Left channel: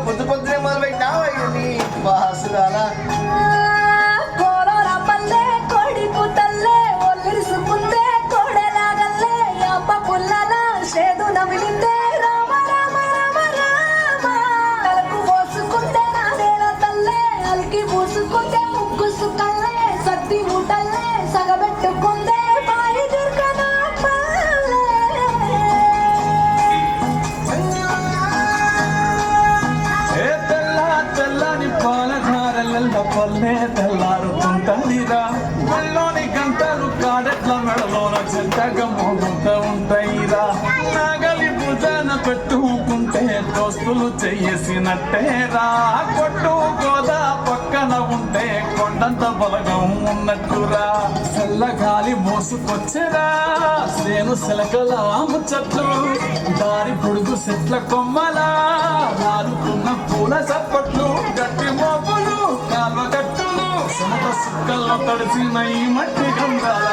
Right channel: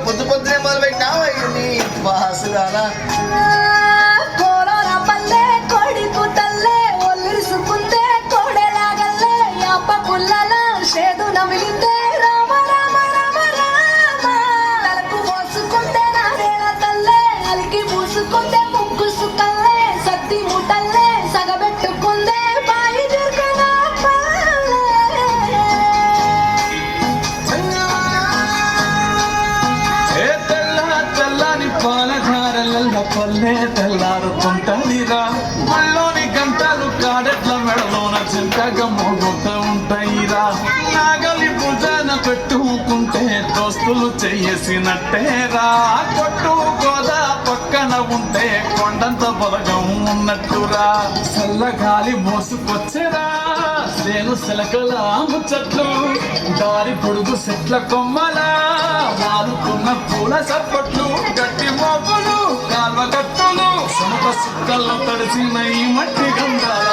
పొద్దు పొద్దునే మొదలు పెట్టినా నీ వాసురాలా పల్లె తెల్లారుతుంటదిరా మళ్ళోని గంటలు కాడెట్ల మెడలోన చెంతగా మోగుతూ ఉంటాయిరా నాగలి భుజాన పెట్టుకుంటే దోస్తులు చెయ్యేసినట్టేరా కొట్టు గోదా పక్కన ఉంటే కొండంత బలగం ఉన్నట్టురా చల్లగాలి మోసుకొచ్చేరా సేను సెలకల ముచ్చట్లు దారి పొడుగు చెట్ల కొమ్మలా నాలుకున్న పూల చప్పట్లు గట్టి మోపులు కాల్వ గట్టులు సమత సుక్కల్లో తడిసిన ఈ మట్టి గంధాల